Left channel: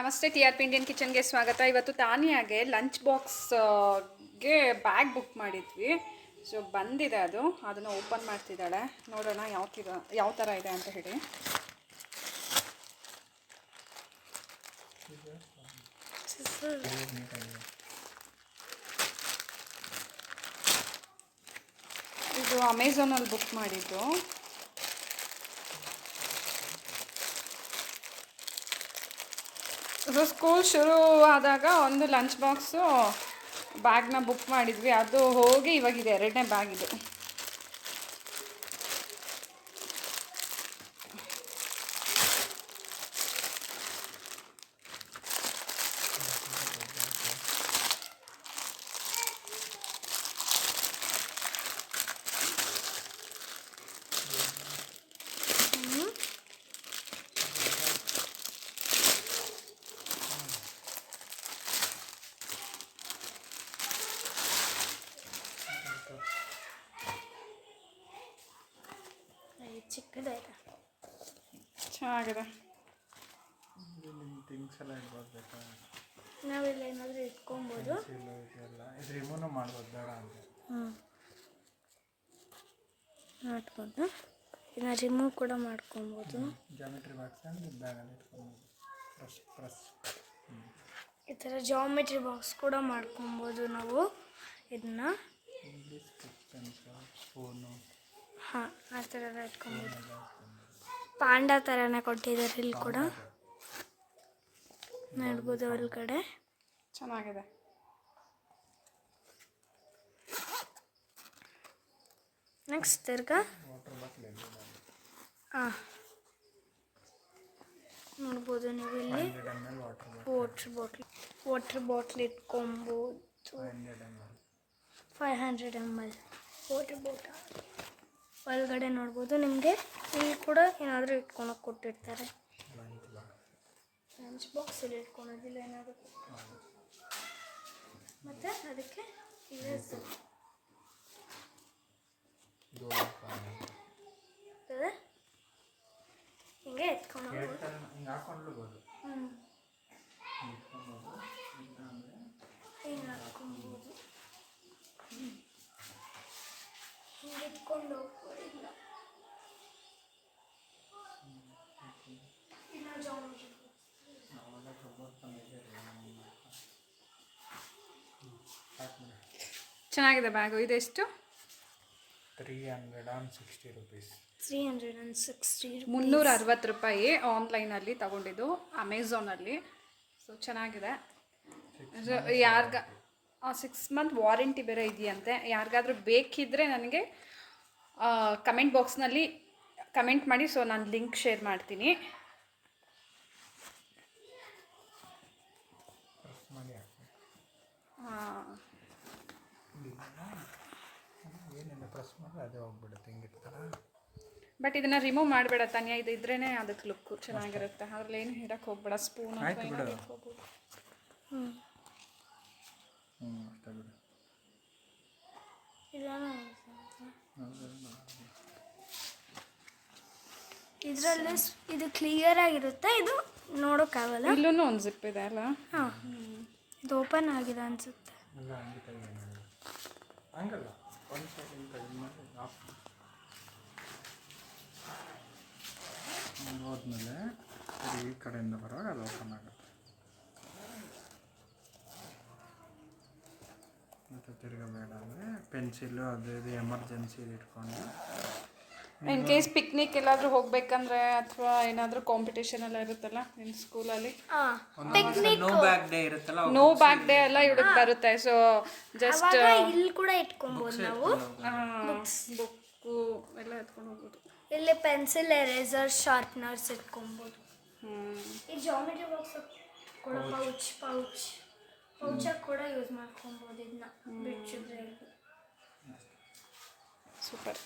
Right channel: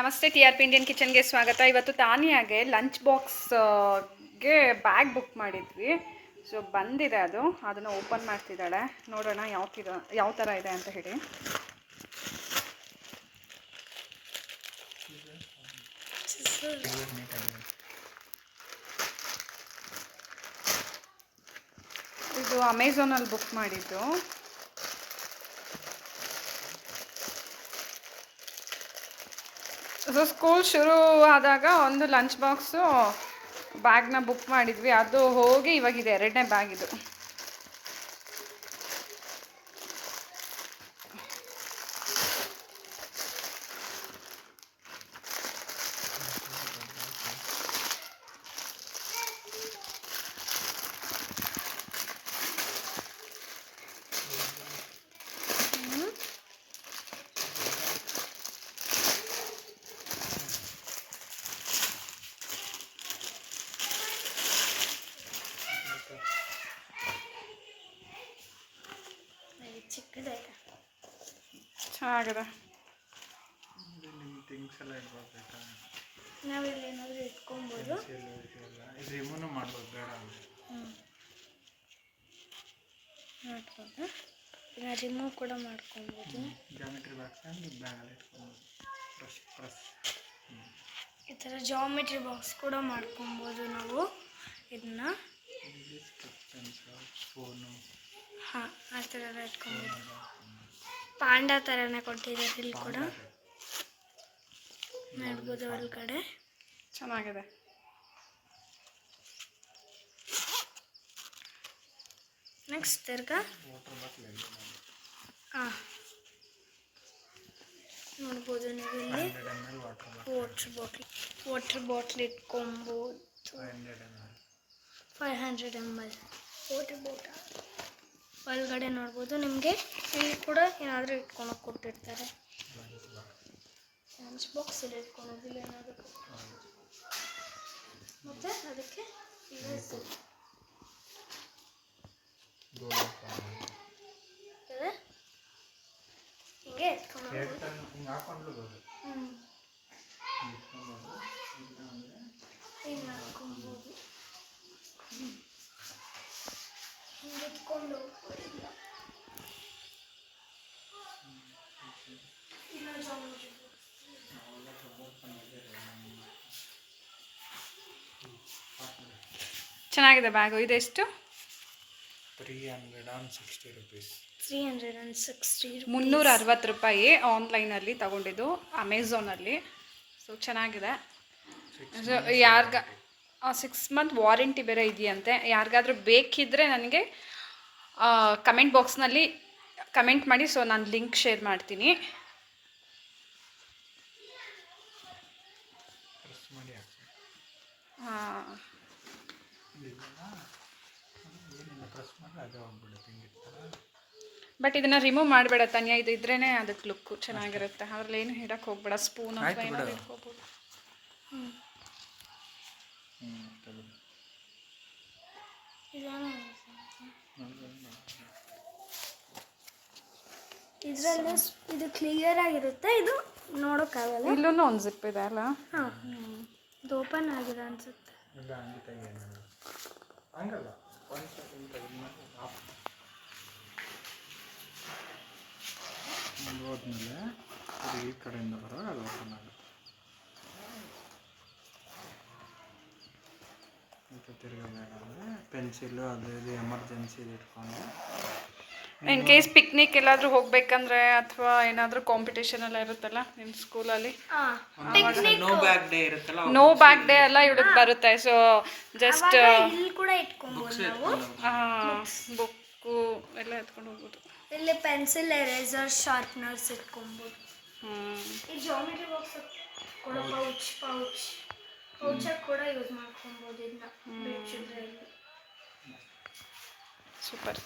ನಮಸ್ತೆ TRP Indian ಕಿಚನ್ಗೆ ಸ್ವಾಗತ. ಇವತ್ತು ತಾನಿಯಾಗೆ ಲಂಚ್ ಬಾಕ್ಸ್ಗೆ ಬ್ಯಾಗ್ ಬುಕ್ ಮಾಡಿದ್ವಿ. ಸೊ ಬಂದಿದೆ, ಅದನ್ನು ಓಪನ್ ಮಾಡ್ತಿದ್ದಾಳೆ. ನೋಡೋಣ ಯಾವ ಥರ ಇದೆ ಅಂತ ಹೇಳಿ. ಇದು ಅಮೆಝಾನಲ್ಲಿ ಬುಕ್ ಮಾಡಿದ್ದು. ಸೊ ಸ್ಕೂಲ್ ಶುರು ಆದಾಗ ಒಂದು ಲಂಚ್ ಬಾಕ್ಸು ಬ್ಯಾಗ್ನ ಬುಕ್ ಮಾಡಿದ್ವಿ. ಅದು ಹೋಗಿ ಇವಾಗಿದೆ 2ನೇ ಬ್ಯಾಗ್ ಇದು. ಚೆನ್ನಾಗಿದೆ. ನಾವಿಲ್ಲಿ ಏನಾದರೂ ಇಟ್ಕೊಬೋದು. ಮಾಡ್ಬೋದು. ಇದನ್ನ ರಿಮೂವ್ ಕೂಡ ಮಾಡ್ಕೊಬೋದು. ಈ ಥರ ಜಾಮೆಟ್ರಿ ಬಾಕ್ಸ್ ಕೂಡ ಮಾಡ್ಕೊಬೋದು ನಾವು ಇದನ್ನ. ಹಾಂ, ಆ ಥರ ಎಲ್ಲ ಇಟ್ಕೊಬೋದು. ಪಾಂಡ ಥರನೇ ಕೊಟ್ಟಿದ್ದಾರೆ ಇಲ್ಲಿ ಕೂಡ ಮಾಡ್ಬೋದು. ಒಳಗಡೆ ಚೆನ್ನಾಗಿದೆ. ನೆಕ್ಸ್ಟ್ ತಿರ್ಗಾ ನೋಡ್ಬೋದು ನೀವು ಇಲ್ಲಿ ವಾಟರ್ ಬಾಟ್ಲ್ ಇಟ್ಕೊಬೋದು. 500 ml ವಾಟರ್ ಬಾಟಲ್ ಒಳಗಡೆ ನೋಡ್ಬೋದು. ನಿಮಗೆ ಇಲ್ಲಿ ಕೂಡ ಏನಾದರೂ ಇಟ್ಕೊಳಕ್ಕೆ ಕೊಟ್ಟಿರ್ತಾರೆ. ಲಂಚ್ ಬಾಕ್ಸ್ ಇಲ್ಲಿ ಇಟ್ಕೊಳೋದಿಲ್ಲ ಏನಾದರೂ. ಮತ್ತು ಅದಕ್ಕೆ ಹಿಂಗೆ ಎತ್ಕೊಂಡು ಹಿಂಗೆ ಹಾಕ್ಕೊಬೋದು. ಹಿಂಗೆ ಎತ್ಕೊಂಡು ಹೋಗ್ಬೋದಿಲ್ಲ. ಚೆನ್ನಾಗಿದೆ ಬ್ಯಾಗು. ಇದೆಷ್ಟು? 360 rupees. 360 ರೂಪಾಯಿ. ಆನ್ಲೈನಲ್ಲಿ ತಗೊಂಡಿದ್ದು, ಅಮೆಝಾನಲ್ಲಿ. ಸೊ ಚೆನ್ನಾಗಿದೆ. ಸೊ 6 month ವಾರಂಟಿ ಬೇರೆ ಇದೆಯಂತೆ. ಯಾರಿಗಾದ್ರೂ ಬೇಕಿದ್ದರೆ ನನಗೆ ಕಮೆಂಟ್ ಬಾಕ್ಸ್ನಲ್ಲಿ ಕಮೆಂಟ್ ಮಾಡಿ. ಸೊ ನಾನು ಲಿಂಕ್ ಶೇರ್ ಮಾಡ್ತೀನಿ. ಬಟ್ ಇದನ್ನು ರಿಮೂವ್ ಮಾಡಬೇಡ ತಾನಿಯಾ. ಇದು ಇದ್ರೇ ಅದಕ್ಕೆ ಲುಕ್ಕು ಚೆನ್ನಾಗಿರುತ್ತೆ. ಅದ್ರಲ್ಲಿ ಏನು ಹಿಡಕ್ಕೆ ಹೋಗ್ಬೇಡ. ಸ್ಪೂನ್ ಅಥವಾ ಏನಾದ್ರು ಇಟ್ಕೋಬೋದು. ಇದರಲ್ಲಿ ಇದು ಕ್ಲಿಯರ್ ಆಗಿರುತ್ತೆ. ಇದು ನೋಡೋಕ್ಕಾಗಲ್ಲ. ಇಲ್ಲೂ ಒಂದು ಜಿಪ್ ಇದೆ ಅಲ್ಲ. ಹಾಂ, ಇದು ಓಪನ್ ಆಗಿದೆ ಅನಿಸುತ್ತೆ. ಹೋದ್ಮೇಲೆ ಈ ಕಡೆಯಿಂದ ಬರೋದು ಅಲ್ಲಿ ಓಪನ್ ಆಗುತ್ತೆ. ಮತ್ತು ತಿರುಗಬೇಕಂದ್ರೆ ಪೆನ್ಸಿಲು ಅದು ಇದು ಎಮರ್ಜೆನ್ಸಿ ಇಟ್ಕೊಂಡು ಇನ್ ಕೇಸ್ ಪಿಕ್ನಿಕ್ ಎಲ್ಲಾದರೂ ಹೋಗ್ಬೇಕಂದ್ರೆ ಅಥವಾ ಏನಾದರೂ ಕಾಂಪಿಟೇಷನ್ ಎಲ್ಲ ಇರುತ್ತಲ್ಲ ನಿಮ್ಮ ಸ್ಕೂಲಲ್ಲಿ, ನೋ ಬ್ಯಾಗ್ ಡೇ ಇರುತ್ತಲ್ಲ, ನೋ ಬ್ಯಾಗ್ ಡೇ ಎಲ್ಲ ಇವಳಿಗೆ ಬರುತ್ತೆ. ಸೊ ಜಸ್ಟ್ ಇಲ್ಲಿ ಕೂಡ ಇಟ್ಕೊಬೋದು ನಾವು. ಬುಕ್ಕು ಎಲ್ಲ ಎತ್ಕೊಂಡು ಹೋಗ್ಬೋದು. ಇಲ್ಲಿ ಪೆನ್ಸಿಲ್, ಎರೇಸರ್, ಶಾರ್ಪ್ನರ್ಸ್ ಇಟ್ಕೊಬೋದು. ಈ ಜಾಮೆಟ್ರಿ ಬಾಕ್ಸ್ ಕೂಡ ಪೌಚಾಗಿ ಕೂಡ ಯೂಸ್ ಮಾಡ್ಕೊಬೋದು. ಇದನ್ನ ಸೂಪರ್.